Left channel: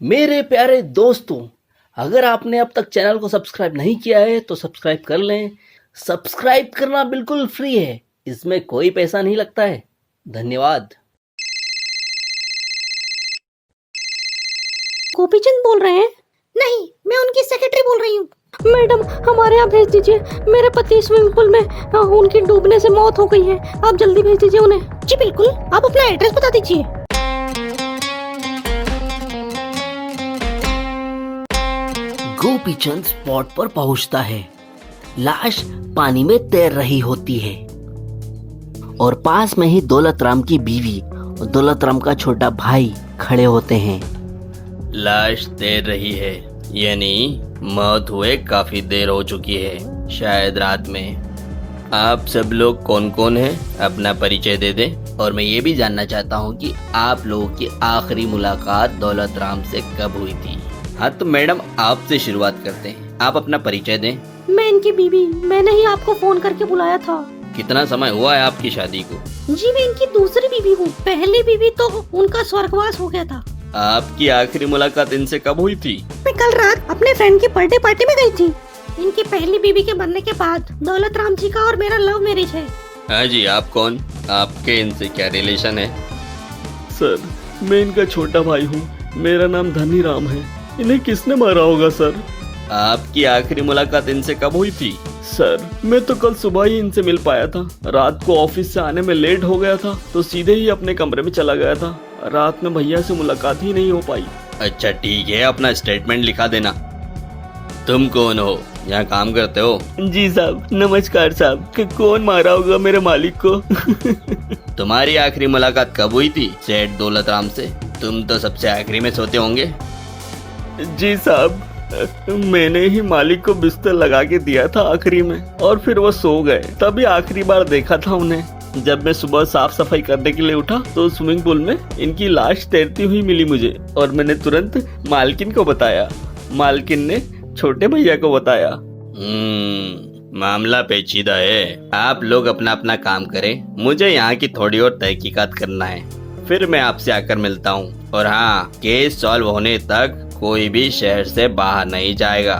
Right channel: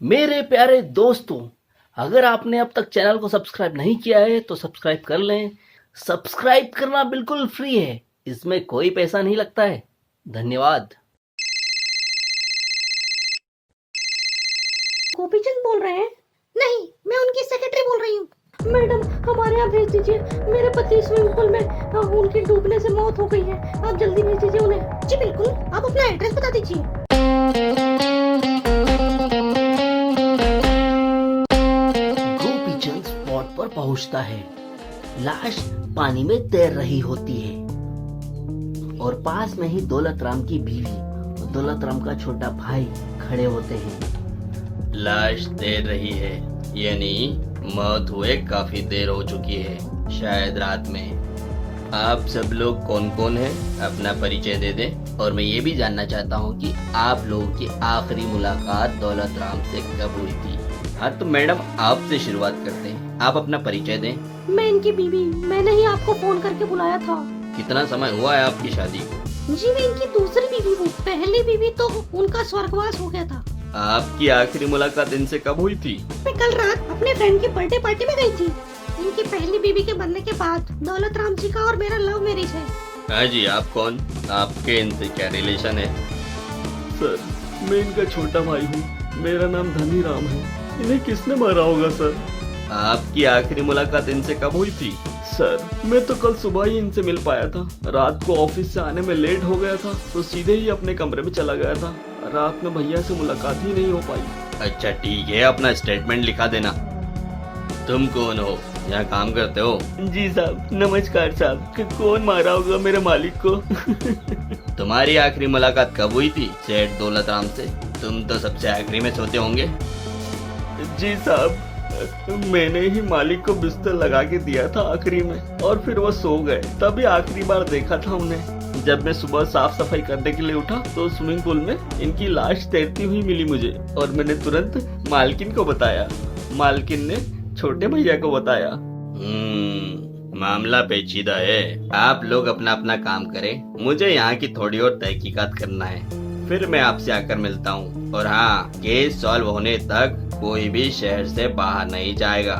मेरे प्यारे दोस्तों, अगर आपने अब तक चैनल को सब्सक्राइब नहीं किया है तो सब्सक्राइब कर लें। सब्सक्राइब करना बिल्कुल फ्री है, इसमें कोई पैसा नहीं लगता है। धन्यवाद। गोपीचंद बोल रहे हैं? नहीं, मैं उनकी सेक्रेटरी बोल रही हूँ। मैडम, हमारे यहाँ भेज दीजिए। मेरे पति स्विमिंग पूल में उनकी डूबने से मौत हो गई है। आप जल्दी भेज दीजिए उन्हें। जी बिल्कुल, आप अपना एड्रेस बता दीजिए। गोपीचंद स्पॉट पर पहुंचता है। लाश पानी में तैर रही होती है और पास में ही दौलतराम की बीवी और दौलतराम का छोटा भाई खड़े होते हैं। लाश तैर रही है, यानी मौत हुए काफी देर हो चुकी है, शायद रात में। आप सब लोग कौन कौन हैं, अपना परिचय दे दें। और मैं ये भी जानना चाहता हूँ कि आप लोगों की आखिरी मुलाकात दौलतराम से कब हुई थी। हाँ तो मैडम, आपसे शुरुआत करते हैं। आप अपना परिचय दें। मैं इनकी बीवी, मैंने ही आपको फोन करके बुलाया था। कितना समय हुआ है आपकी शादी को? जी मैं इनकी दूसरी बीवी हूँ। पहली बीवी तो उनका स्वर्गवास हो गया था। आपकी आखिरी मुलाकात इनसे कब हुई थी? मैं कल रात अपने फ्रेंड की बर्थडे पार्टी में गई थी। इनकी पहली बीवी के बनने के बाद दौलतराम जी का और मेरा लव मैरिज है। हाँ जी, आप कौन? आपके इनसे क्या रिलेशन है? सर, मैं इनका छोटा भाई हूँ। मेरा नाम धनी राम है। इन्हें किसने मारा होगा सर? आपकी आखिरी मुलाकात इनसे कब हुई थी? सर, मैं तो कल सुबह ही इनसे मिल पाया था। रात को ऑफिस से आने में लेट हो गया था तो सीधे ही अपने कमरे में चला गया था। रात में भैया से मुलाकात ही नहीं हो पाई। अच्छा ठीक है, अपना स्टेटमेंट लिखा देना। तुम कौन हो, यहाँ काम करते हो? जी साहब, नमस्कार साहब। कि कौन मारा होगा मेरे मालिक को? तुम्हारी आखिरी मुलाकात कब हुई थी सेठ दौलतराम से? तुम तो सबसे आखिरी में सोते होंगे। जी साहब, मैंने ही मालिक को बिस्तर लगा के दिया था आखिरी में और फिर वो सो गए। तभी आखिरी बार देखा था उन्हें। जब मैं सुबह साफ सफाई करने के लिए उठा तो स्विमिंग पूल में इनकी लाश तैरती हुई मिली मुझे और मैंने तुरंत मालकिन को बताया। मालकिन ने छोटे भैया को बताया। मामला पेचीदा है। आप लोग अपना अपना काम करें, मुझे यहाँ की थोड़ी और तहकीकात करना है। फिर मैं आपसे आकर मिलता हूँ। और हाँ, केस सॉल्व होने तक कोई भी शहर से बाहर नहीं जाएगा।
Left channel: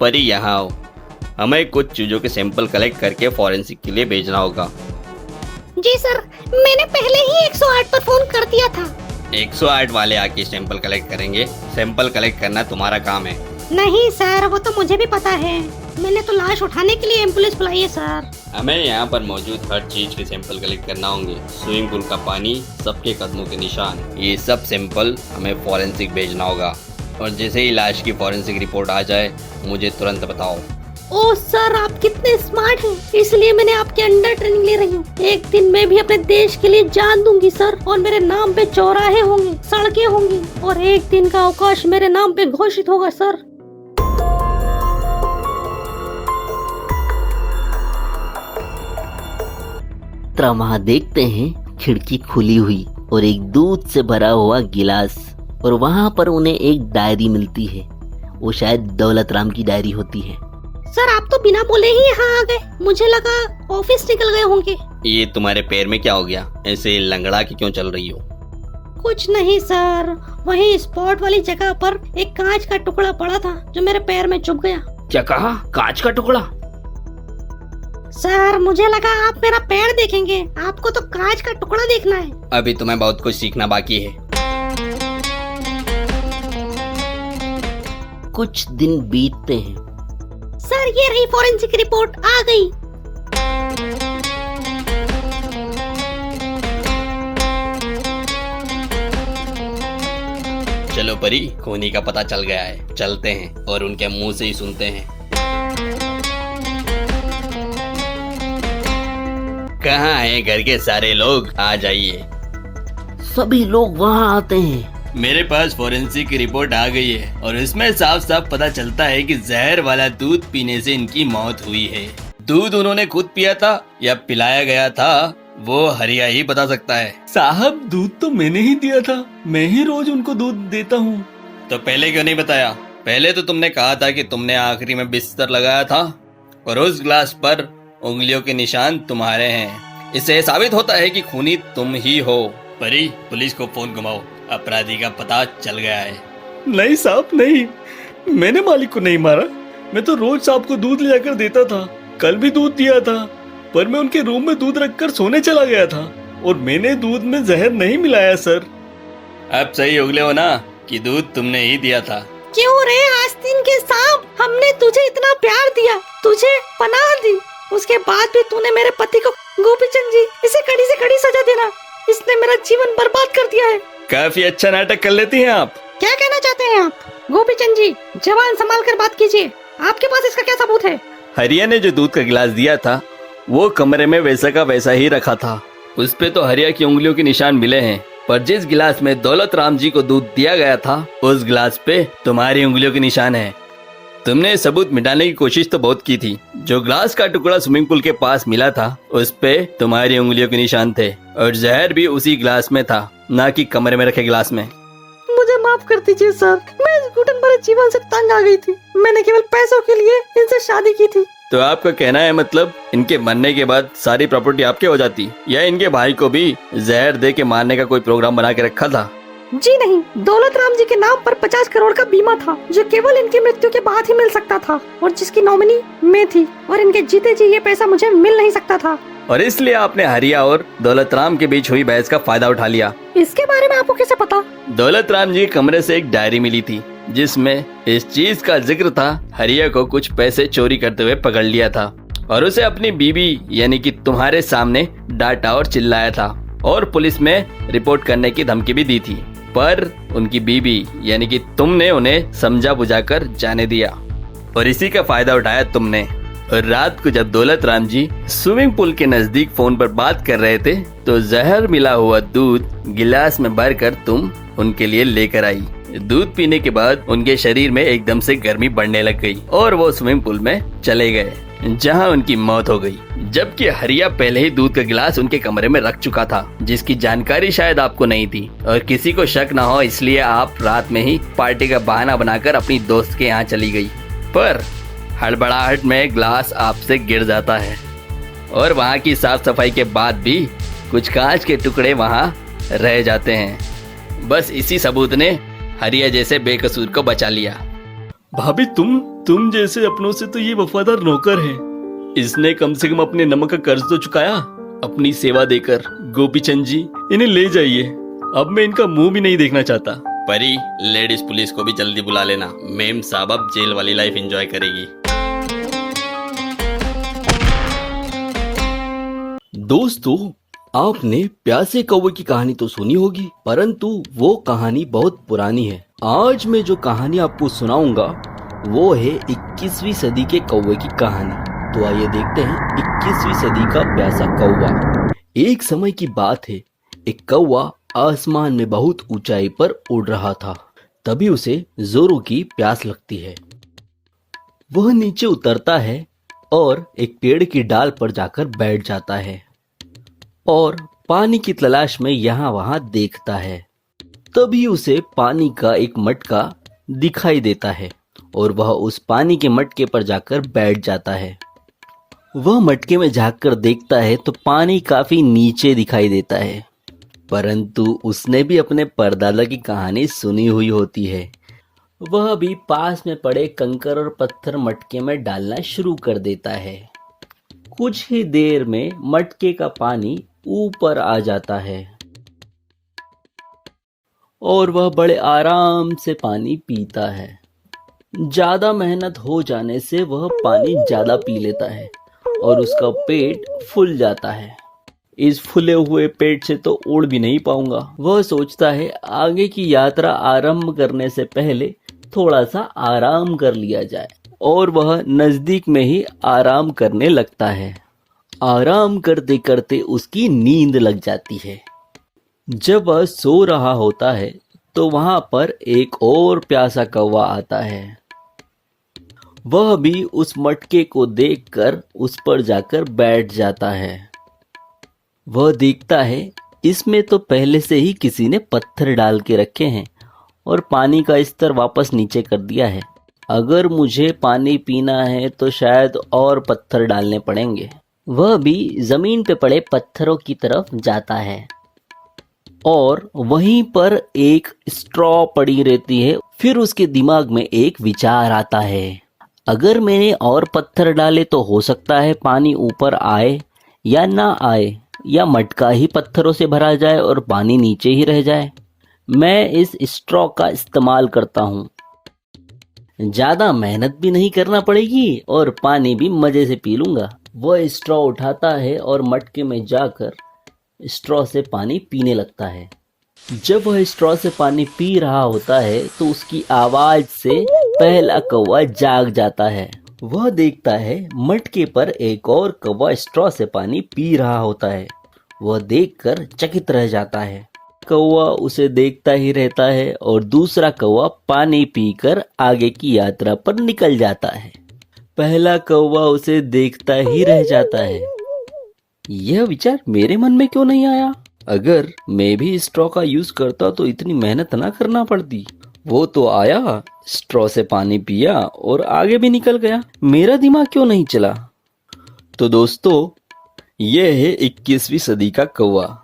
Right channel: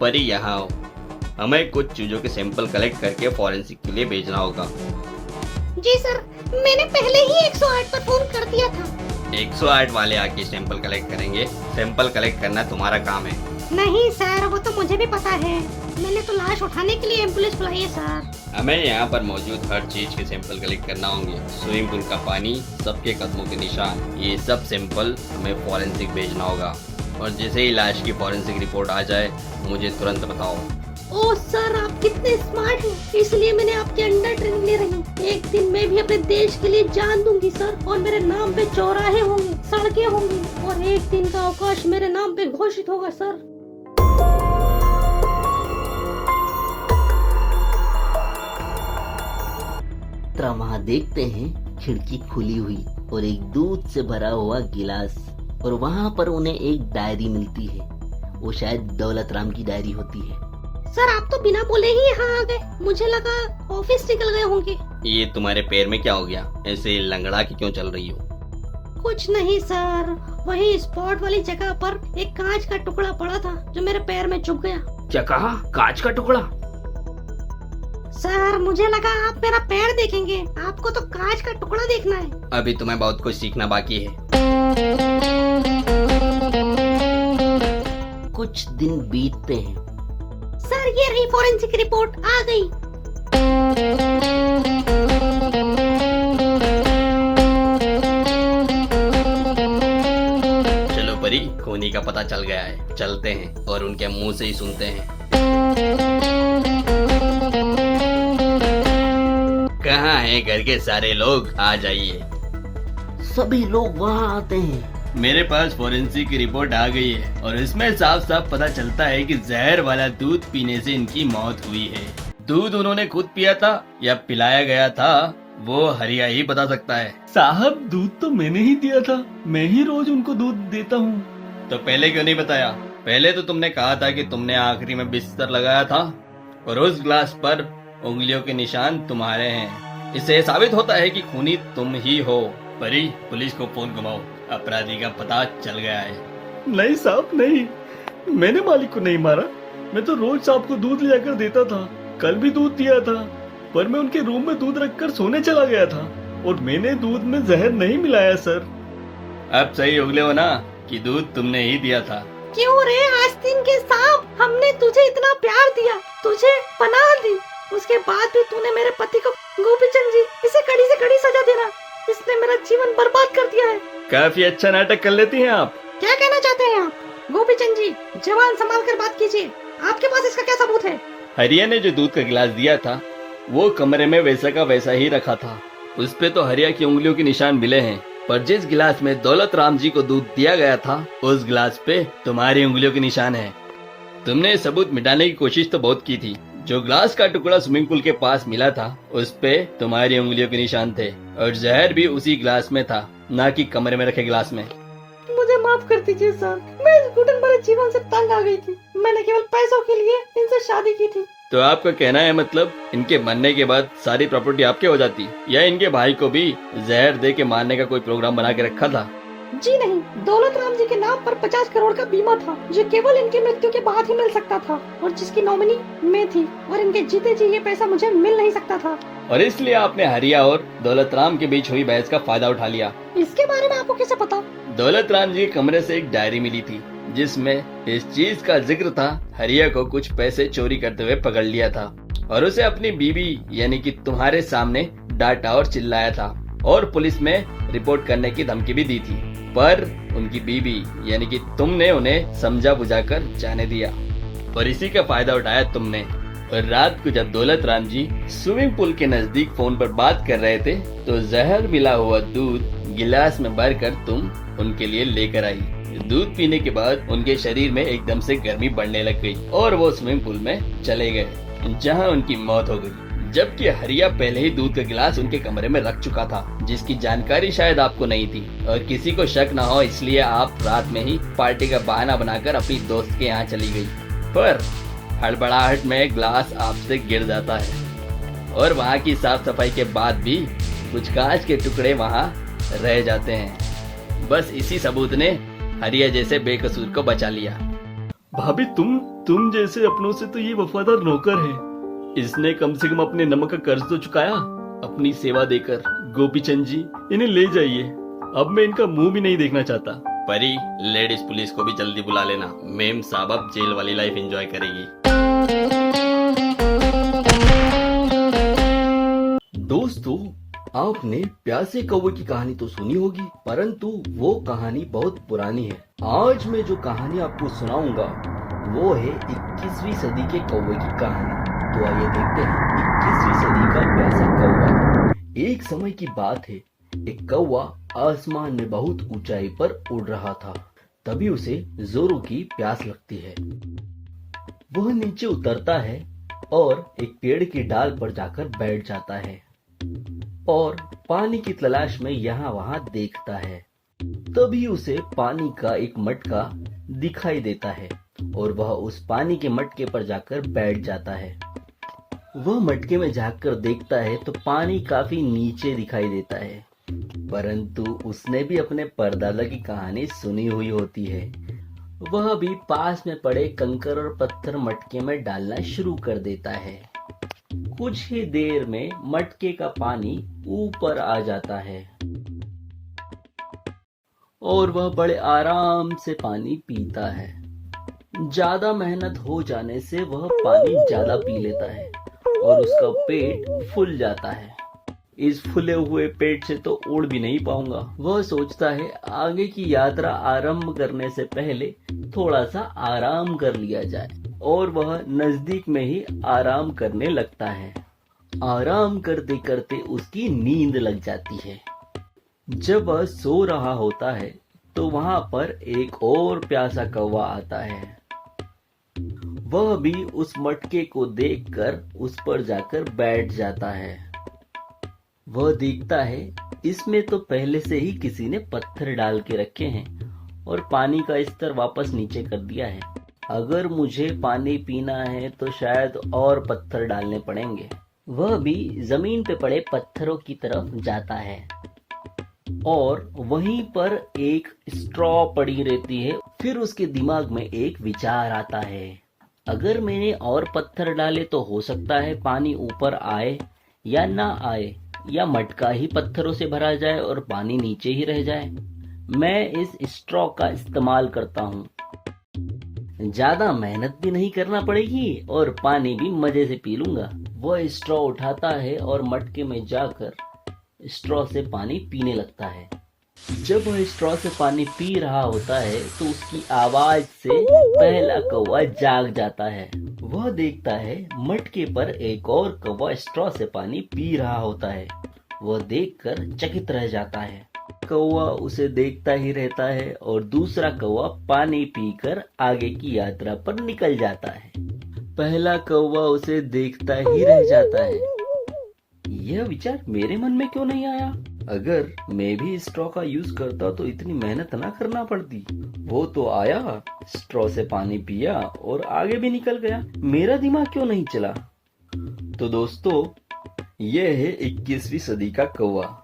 परी, यहाँ आओ। हमें कुछ चीजों के सैंपल कलेक्ट करके फॉरेंसिक के लिए भेजना होगा। जी सर, मैंने पहले ही 108 पर फोन कर दिया था। 108 वाले आके सैंपल कलेक्ट करेंगे। सैंपल कलेक्ट करना तुम्हारा काम है। नहीं सर, वो तो मुझे भी पता है। मैंने तो लाश उठाने के लिए एम्बुलेंस बुलाई है सर। हमें यहाँ पर मौजूद हर चीज के सैंपल कलेक्ट करना होंगे। स्विमिंग पूल का पानी, सबके कदमों के निशान, ये सब सैंपल हमें फॉरेंसिक भेजना होगा। और जैसे ही लाश की फॉरेंसिक रिपोर्ट आ जाए, मुझे तुरंत बताओ। ओह सर, आप कितने स्मार्ट हैं, इसलिए मैंने आपके अंडर ट्रेनिंग ले रही हूँ। एक दिन मैं भी अपने देश के लिए जान दूंगी सर, और मेरे नाम पे चौराहे होंगे, सड़कें होंगी, और एक दिन का अवकाश मेरे नाम पे घोषित होगा सर। वहां देखते हैं खिड़की खुली हुई और एक दूध से भरा हुआ गिलास, और वहां पर उन्हें एक डायरी मिलती है। वो शायद दौलतराम की डायरी होती है। सर, आप तो बिना बोले ही यहाँ आ गए। मुझे लगा ऑफिस निकल गए होंगे। ये तुम्हारे पैर में क्या हो गया? ऐसे लंगड़ा के क्यों चल रही हो? कुछ नहीं सर, वही स्पॉट वाली जगह पर एक कांच का टुकड़ा पड़ा था जो मेरे पैर में चुभ गया। क्या कहा? कांच का टुकड़ा? सर, मुझे लगा आप मेरा पैर देखेंगे, आपको तो कांच का टुकड़ा देखना है। अभी तुम्हें बहुत कुछ सीखना बाकी है। कुछ दिन बीतते हैं। सर, ये रही फॉरेंसिक रिपोर्ट आ गई। चलो परी, खूनी का पता चल गया है। चलते हैं और उनके मुंह से ही सुनते हैं। कहाँ हैं घर के सारे लोग? आ जाइए। सभी लोग वहाँ आते हैं। मेरे पास फॉरेंसिक की रिपोर्ट आ गई है और इसमें साफ साफ पता चलता है कि जहर वाला दूध पीने से इनकी मौत हुई है। दूध उन्होंने खुद पिया था या पिलाया गया था, वो हरिया ही बता सकता है। साहब, दूध तो मैंने ही दिया था। मैं ही रोज उनको दूध देता हूँ। तो पहले क्यों नहीं बताया? पहले तो तुमने कहा था कि तुमने आखिरी में बिस्तर लगाया था। और उस ग्लास पर उंगलियों के निशान तुम्हारे हैं। इससे साबित होता है कि खूनी तुम ही हो। परी, पुलिस को फोन घुमाओ, अपराधी का पता चल गया है। नहीं साहब नहीं, मैंने मालिक को नहीं मारा। मैं तो रोज साहब को दूध ले आकर देता था, कल भी दूध दिया था, पर मैं उनके रूम में दूध रखकर सोने चला गया था और मैंने दूध में जहर नहीं मिलाया सर। अब सही उगले हो ना कि दूध तुमने ही दिया था। क्यों रे आस्तीन के सांप, हमने तुझे इतना प्यार दिया, तुझे पनाह दी, उसके बाद भी तूने मेरे पति को, गोपीचंद जी, इसे कड़ी से कड़ी सजा देना, इसने मेरा जीवन बर्बाद कर दिया है। काफी अच्छा नाटक कर लेती हैं आप। क्या कहना चाहते हैं आप? गोपीचंद जी, जवान संभाल कर बात कीजिए, आपके पास इसका क्या सबूत है? हरिया ने जो दूध का गिलास दिया था वो कमरे में वैसा का वैसा ही रखा था। उस पे तो हरिया की उंगलियों के निशान मिले हैं, पर जिस गिलास में दौलत राम जी को दूध दिया गया था उस गिलास पे तुम्हारी उंगलियों के निशान हैं। तुमने सबूत मिटाने की कोशिश तो बहुत की थी। जो ग्लास का टुकड़ा स्विमिंग पूल के पास मिला था उस पे तुम्हारी उंगलियों के निशान थे और जहर भी उसी गिलास में था, ना कि कमरे में रखे गिलास में। मुझे माफ कर दीजिए सर, मैं इस घुटन भरे जीवन से तंग आ गई थी, मैंने केवल पैसों के लिए इनसे शादी की थी। तो आपका कहना है मतलब इनके मरने के बाद सारी प्रॉपर्टी आपके हो जाती, या इनके भाई को भी जहर दे के मारने का कोई प्रोग्राम बना के रखा था? जी नहीं, दौलत राम जी के नाम पर 50 करोड़ का बीमा था जो केवल इनकी मृत्यु के बाद ही मिल सकता था और जिसकी नॉमिनी मैं थी, और इनके जीते जी ये पैसा मुझे मिल नहीं सकता था। और इसलिए आपने हरिया और दौलत राम के बीच हुई बहस का फायदा उठा लिया। इसके बारे में आपको कैसे पता? दौलत राम जी के कमरे से एक डायरी मिली थी जिसमें इस चीज का जिक्र था। हरिया को कुछ पैसे चोरी करते हुए पकड़ लिया था और उसे अपनी बीबी यानी कि तुम्हारे सामने डांटा और चिल्लाया था और पुलिस में रिपोर्ट करने की धमकी भी दी थी, पर उनकी बीबी यानी कि तुमने उन्हें समझा बुझाकर जाने दिया और इसी का फायदा उठाया तुमने। और रात को जब दौलत राम जी स्विमिंग पूल के नजदीक फोन पर बात कर रहे थे तो जहर मिला हुआ दूध गिलास में भरकर तुम उनके लिए लेकर आई। दूध पीने के बाद उनके शरीर में एकदम से गर्मी बढ़ने लग गई और वो स्विमिंग पूल में चले गए जहां उनकी मौत हो गई, जबकि हरिया पहले ही दूध का गिलास उनके कमरे में रख चुका था जिसकी जानकारी शायद आपको नहीं थी और किसी को शक ना हो इसलिए आप रात में ही पार्टी का बहाना बनाकर अपनी दोस्त के यहाँ चली गई। पर हड़बड़ाहट में ग्लास आपसे गिर जाता है और वहाँ की साफ सफाई के बाद भी कुछ कांच के टुकड़े वहाँ रह जाते हैं। बस इसी सबूत ने हरिया जैसे बेकसूर को बचा लिया। भाभी तुम जैसे अपनों से तो ये वफादार नौकर है। इसने कम से कम अपने नमक का कर्ज तो चुकाया अपनी सेवा देकर। गोपीचंद जी, इन्हें ले जाइए, अब मैं इनका मुंह भी नहीं देखना चाहता। परी, लेडीज पुलिस को भी जल्दी बुला लेना, मेम साहब अब जेल वाली लाइफ एंजॉय करेगी। दोस्तों, आपने प्यासे कौवे की कहानी तो सुनी होगी, परंतु वो कहानी बहुत पुरानी है। आज मैं जो कहानी आपको सुनाऊंगा वो है 21वीं सदी के कौवे की कहानी। तो आइए देखते हैं 21वीं सदी का प्यासा कौवा। एक समय की बात है, एक कौवा आसमान में बहुत ऊंचाई पर उड़ रहा था। तभी उसे जोरों की प्यास लगती है। वह नीचे उतरता है और एक पेड़ की डाल पर जाकर बैठ जाता है और पानी की तलाश में यहाँ वहां देखता है। तभी उसे पानी का एक मटका दिखाई देता है और वह उस पानी के मटके पर जाकर बैठ जाता है। वह मटके में झांककर देखता है तो पानी काफी नीचे दिखाई देता है, परंतु उसने भी अपने परदादा की कहानी सुनी हुई होती है। वह भी पास में पड़े कंकर और पत्थर मटके में डालना शुरू कर देता है। कुछ ही देर में मटके का पानी ऊपर आ जाता है और वह बड़े आराम से पानी पीता है। ज्यादा मेहनत हो जाने से वह पानी ज्यादा पी लेता है और उसका पेट फूल जाता है। इस फूले हुए पेट से तो उड़ भी नहीं पाऊंगा। वह सोचता है आगे की यात्रा आरंभ करने से पहले थोड़ा सा आराम कर लिया जाए और वह नजदीक में ही आराम करने लगता है। आराम करते करते उसकी नींद लग जाती है। जब वह सो रहा होता है तो वहां पर एक और प्यासा कौवा आता है। वह भी उस मटके को देखकर उस पर जाकर बैठ जाता है। वह देखता है इसमें तो पहले से ही किसी ने पत्थर डाल के रखे हैं और पानी का स्तर वापस नीचे कर दिया है। अगर मुझे पानी पीना है तो शायद और पत्थर डालने पड़ेंगे। वह भी जमीन पे पड़े पत्थरों की तरफ जाता है और वहीं पर एक स्ट्रॉ पड़ी रहती है। फिर उसके दिमाग में एक विचार आता है, अगर मैंने और पत्थर डाले तो हो सकता है पानी ऊपर आए या ना आए, या मटका ही पत्थरों से भरा जाए और पानी नीचे ही रह जाए। मैं इस स्ट्रॉ का इस्तेमाल करता हूँ, ज्यादा मेहनत भी नहीं करना पड़ेगी और पानी भी मजे से पी लूंगा। वह स्ट्रॉ उठाता है और मटके में जाकर स्ट्रॉ से पानी पीने लगता है। जब वह स्ट्रॉ से पानी पी रहा होता है तो उसकी आवाज से पहला कौवा जाग जाता है। वह देखता है मटके पर एक और कौवा स्ट्रॉ से पानी पी रहा होता है। वह देखकर चकित रह जाता है। कौवा उसे देखता ही रहता है और दूसरा कौवा पानी पीकर आगे की यात्रा पर निकल जाता है। पहला कौवा उसे देखता ही रह जाता है। यह विचार मेरे मन में क्यों नहीं आया? अगर मैं भी स्ट्रॉ का यूज करता तो इतनी मेहनत ना करना पड़ती। वो तो आया, स्ट्रॉ से पानी पिया और आगे भी निकल गया। मेरा दिमाग क्यों नहीं चला? तो दोस्तों, यह है 21वीं सदी का कौवा।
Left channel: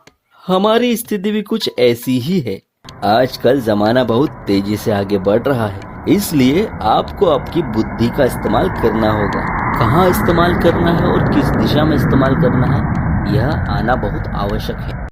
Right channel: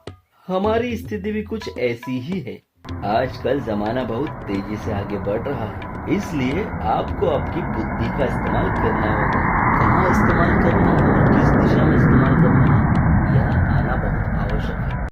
हमारी स्थिति भी कुछ ऐसी ही है। आजकल जमाना बहुत तेजी से आगे बढ़ रहा है, इसलिए आपको आपकी बुद्धि का इस्तेमाल करना होगा। कहाँ इस्तेमाल करना है और किस दिशा में इस्तेमाल करना है, यह आना बहुत आवश्यक है।